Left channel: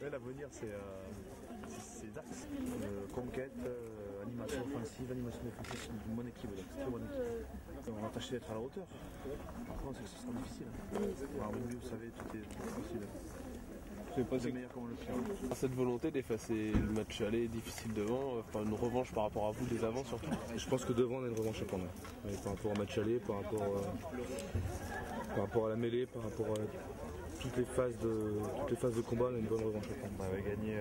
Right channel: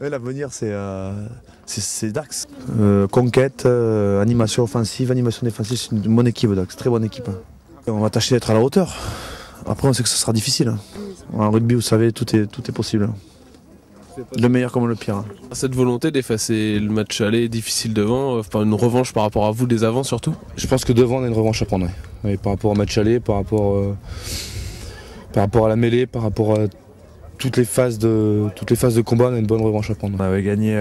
Ouais, l'avenir, c'est Dax. Conquête, animation offensive, animation défensive, c'est une bonne équipe, Dax, très bonne équipe. On va tâcher d'être à la hauteur. Après, on sait que ce sera difficile. En rugby, vous savez, tout est possible. Le meilleur comme le pire. Cette volonté d'effacer le match aller difficile devant, par une revanche par rapport à vous des avants surtout. Je pense que devant on a une revanche à prendre. Ouais. Par rapport au match aller, par rapport à la mêlée, par rapport à toutes les phases de combat, on a une bonne revanche à prendre. On avait gagné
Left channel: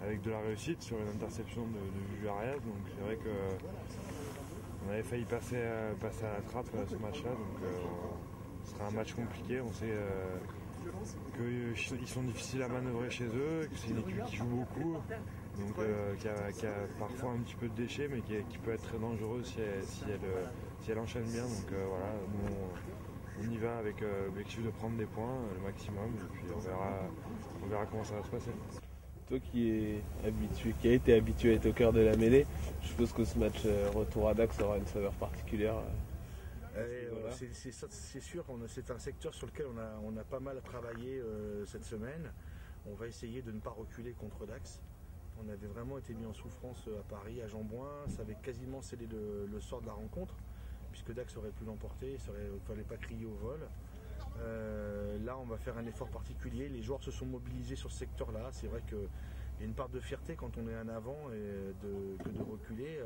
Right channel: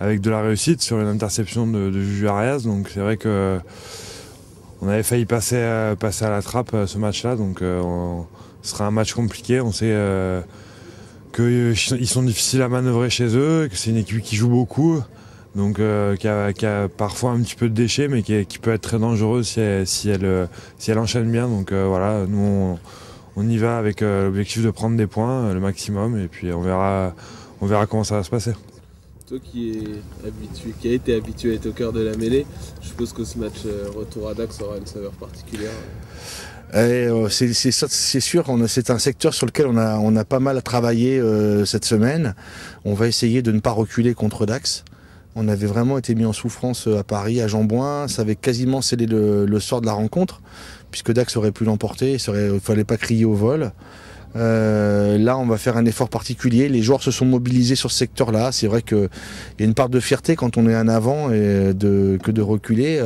avec de la réussite sur une interception de Juju Arias, donc c'est vrai que on avait failli passer à la trappe ce match-là, donc ce sera un match compliqué. On sait qu'ils sont difficiles à manœuvrer chez eux, que c'est une équipe qui joue beaucoup, donc qui a parfois un petit peu de déchets, mais qui peut être très dangereuse si elle enchaîne bien. Donc voilà, nous on y va avec l'objectif de prendre des points, le maximum, et puis on verra comment ça va se passer. Toi qui a été habitué à être au cœur de la mêlée, je suppose que ce match retour à Dax aura une saveur particulière. C'est sûr, c'est un secteur sur lequel on a pas mal travaillé cette semaine. On va essayer de ne pas reculer contre Dax. On avait vraiment été mis en souffrance à Paris, à Jean-Bouin. Ça avait quasiment scellé le sort de la rencontre, puisque Dax aurait pu l'emporter. Il ne fallait pas crier au vol. Là, on va faire un effort particulier. Les joueurs se sont mobilisés sur ce secteur-là. C'est vrai qu'il y a une part de fierté quand on est en avant que de reculer.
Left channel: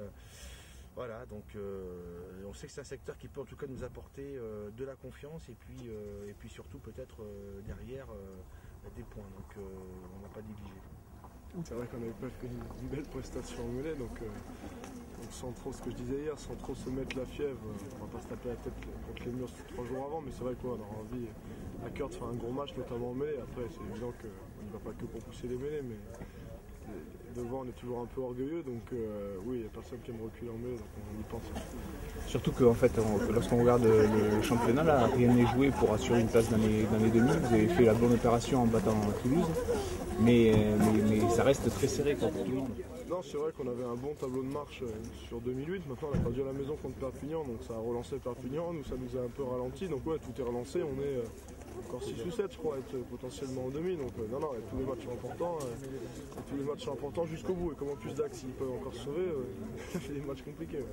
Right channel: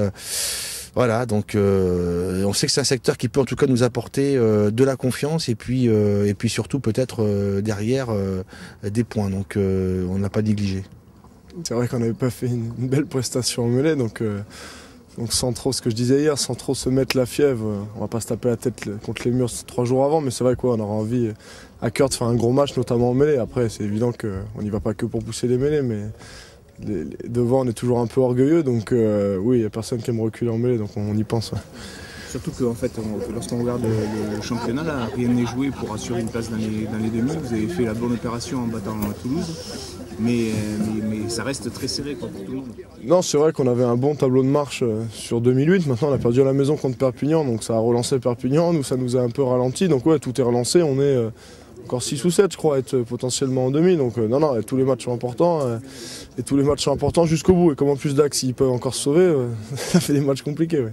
Voilà, donc on sait que c'est un secteur qui peut en tout cas nous apporter de la confiance et puis surtout peut-être derrière des points. Donc on n'a pas négligé. C'est vrai qu'on n'avait pas fait une belle prestation en mêlée, donc sans trop, ce que je disais hier, sans trop se mettre la fièvre, on va pas se taper la tête contre les murs 3 jours avant, mais c'est vrai qu'on aura envie à cœur de faire un gros match, notamment en mêlée. Après, c'est évident qu'on n'y va pas que pour pousser les mêlées, mais devant on est toujours un peu orgueilleux, donc oui, il n'y a personne qui aime reculer en mêlée, donc on y pense. Ouais. Surtout que fait, lorsqu'on regarde le championnat, là, rien n'est joué pour assurer une place dans les demi. Vous avez fait la bonne opération en battant Toulouse, mais ça reste très serré pour tout le monde. Non, c'est vrai qu'on avait un bon tableau de marche sur 2008. Maintenant, on a perdu à la maison contre Perpignan, donc ça a relancé Perpignan. Nous, ça nous a un peu ralenti. Donc ouais, tout est relancé. On est encore 6 ou 7, je crois, à être potentiellement en demi. Donc non, tous les matchs sont importants. Et tous les matchs sont importants jusqu'au bout. Et comme en plus Dax, ils peuvent encore se sauver, ça fait des matchs compliqués. Ouais.